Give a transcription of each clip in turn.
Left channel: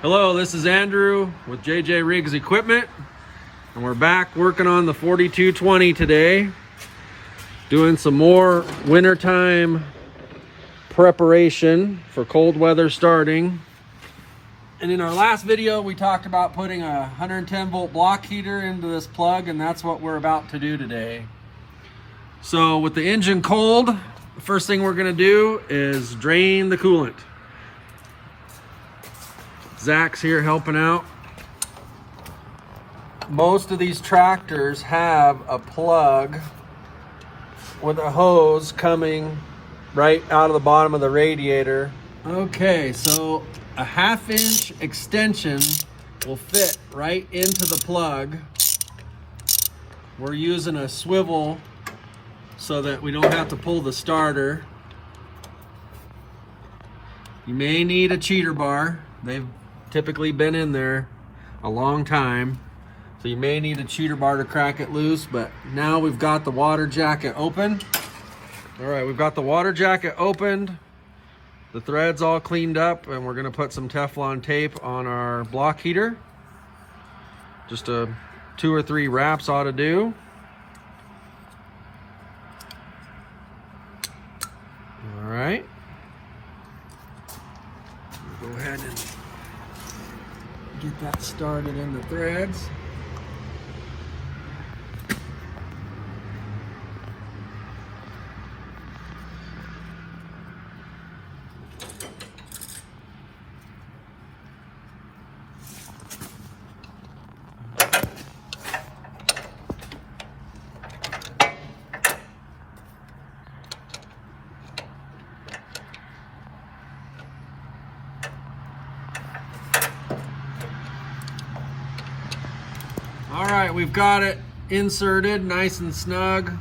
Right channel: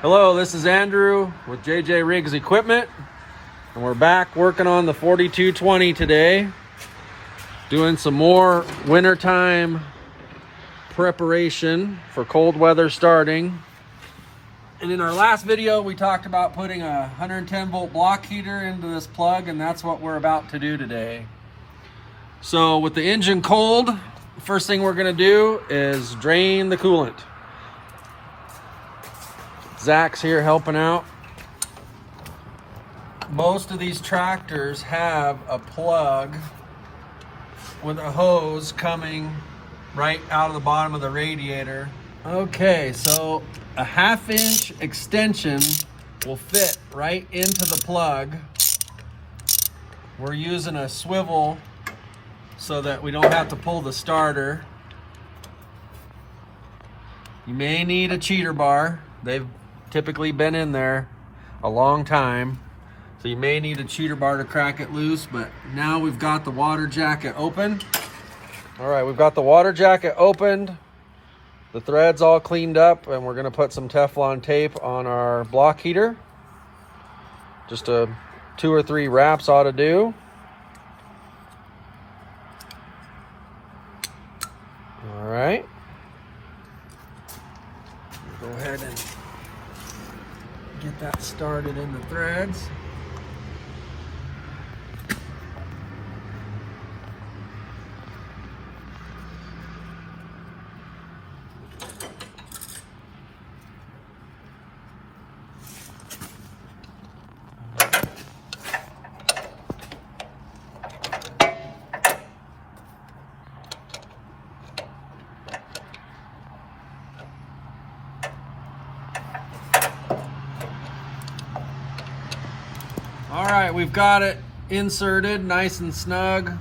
Hello, this is Andrew with JJ RIGGS Equipment, and we're back working on the 4220 today, doing some more wintertime preparation for cold weather starting. And in our last video, we talked about putting a 110 volt block heater into this plug, and that's what we're about to do today. So with the engine cold, the first thing we're gonna do is drain the coolant. Zach's here helping out. Most of these tractors have a plug with a hose coming right out of the bottom of the radiator. Okay, so a 1/2 inch extension will fit right into the plug. We're using a swivel so that we don't have to pull the starter. You may need a cheater bar. They've typically been in there a long time, so you may need a cheater bar to crack it loose. But now we've got the water jacket open. All right, we've got the water jacket opened, the threads all cleaned up, and we're gonna put some Teflon tape on our block heater. Just 2 or 3 wraps ought to do. All right, go ahead and get that started in the threads. All right, we've got it inserted nice and snug.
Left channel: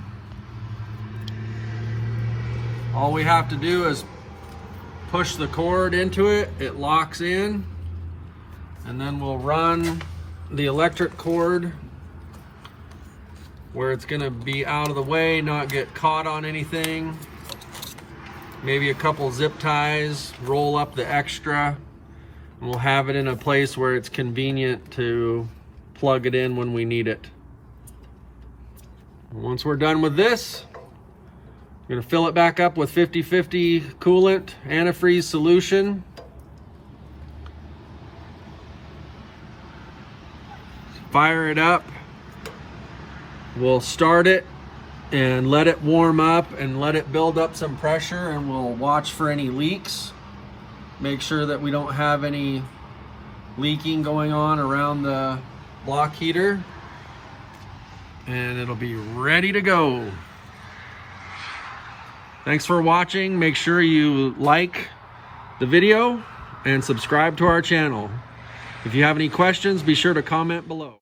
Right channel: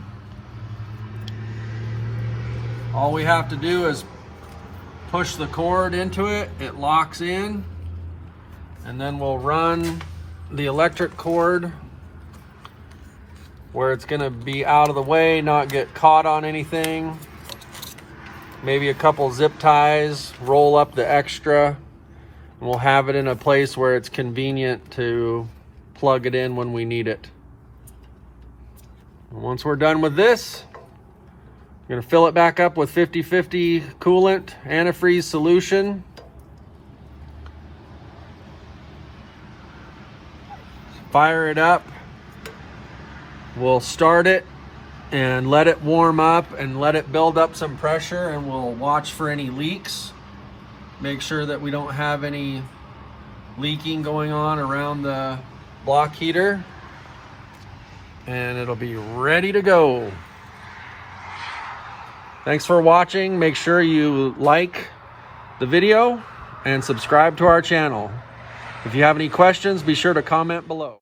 All we have to do is push the cord into it. It locks in, and then we'll run the electric cord where it's gonna be out of the way, not get caught on anything. Maybe a couple zip ties, roll up the extra, and we'll have it in a place where it's convenient to plug it in when we need it. Once we're done with this, I'm gonna fill it back up with 50/50 coolant antifreeze solution. Fire it up. We'll start it and let it warm up and let it build up some pressure, and we'll watch for any leaks. Make sure that we don't have any leaking going on around the block heater, and it'll be ready to go. Thanks for watching. Make sure you like the video and subscribe to our channel. If you have any questions, be sure to comment below.